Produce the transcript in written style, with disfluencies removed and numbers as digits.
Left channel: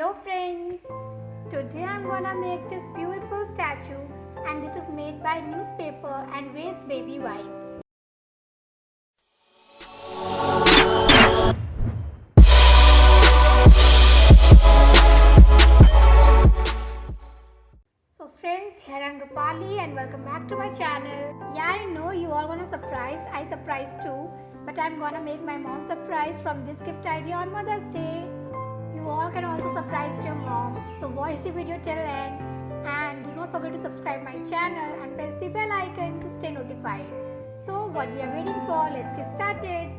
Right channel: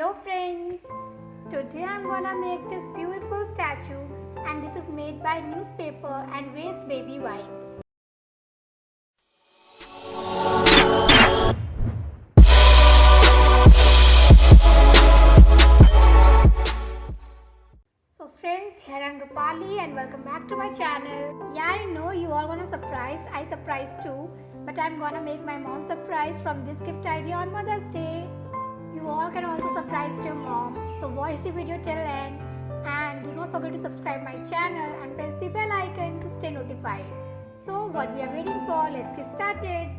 Hello friends, today I'm gonna make this beautiful statue and this is made by newspaper and waste baby wipes. So friends, here I'm Rupali and welcome back to my channel. Yeah, I know you all gonna surprised, I surprised too, but I'm gonna make my mom surprised from this gift idea on Mother's Day. You all can also surprise your mom, so watch the video till end and do not forget to subscribe my channel and press the bell icon to stay notified. So what we are waiting for, let's get started.